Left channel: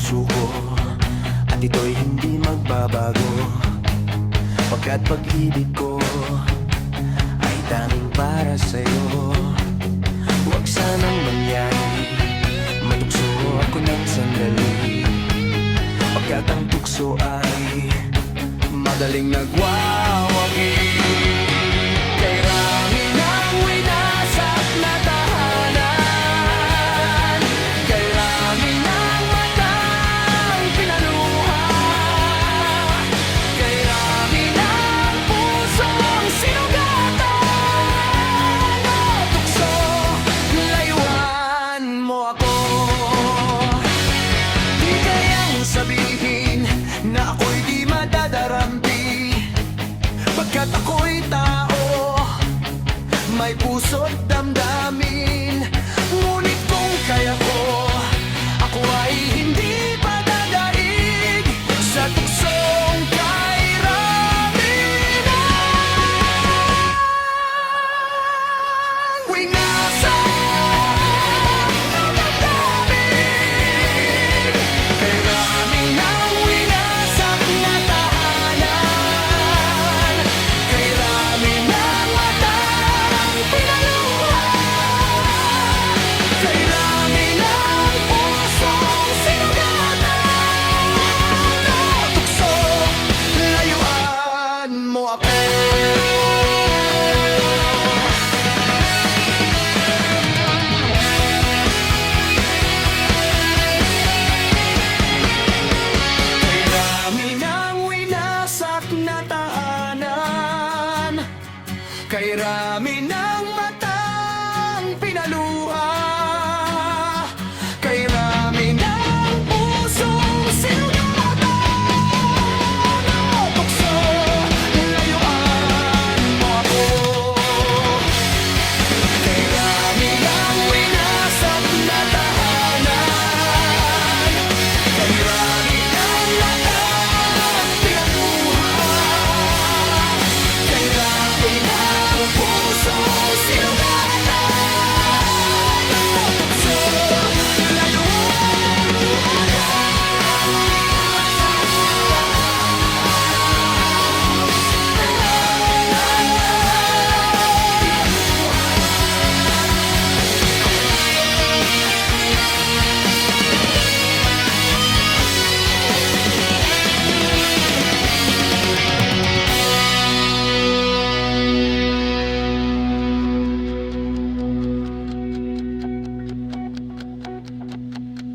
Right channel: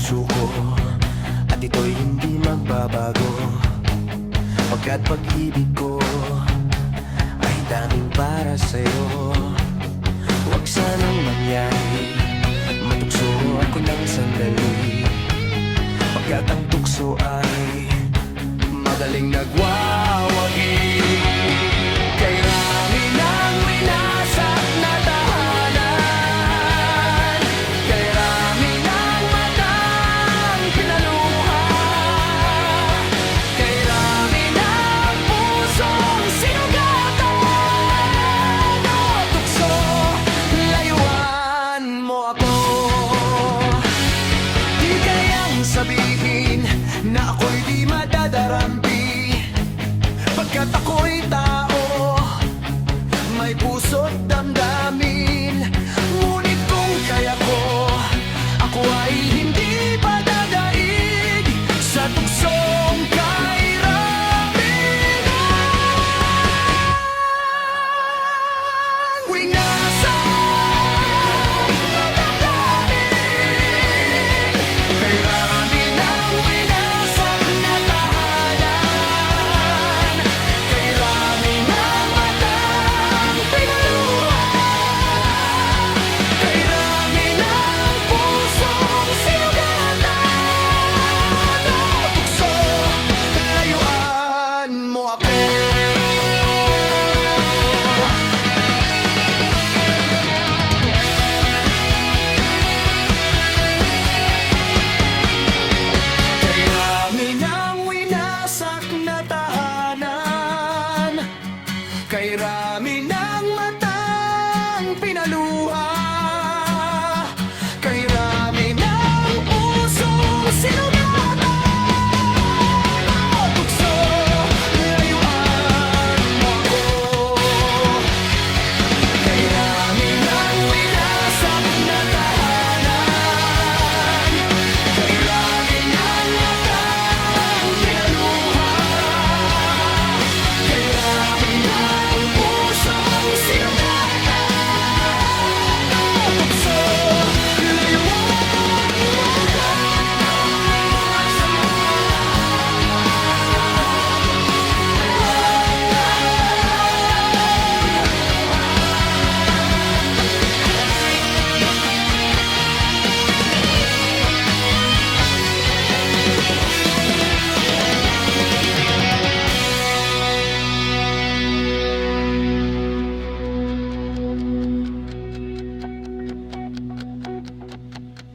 puso ko, at ito'y hindi magbabago, pagkat pag-ibig ko ay tanging para sa'yo. Huwag sanang mangyari, matukso ako ng sandali, pagkat ang tukso ay madaling nagwawagi. Kay rami ng winasak na tahanan, kay rami ng matang pinaluha, kay rami ng pusong sinugatan. O tukso, layuan mo ako. Di kayang sabihin na ako'y di madadarampi, pagkat ako'y tao, may puso't damdamin. Ngunit kung kaya ko, ako ay hindi pa dadaig sa tuksong kay Raminan. Winasak na damdamin, kay rami ng winasak na tahanan, kay rami ng matang pinaluha, kay rami ng pusong sinugatan. O tukso, layuan mo ako. Kay rami ng winasak na tahanan, kay rami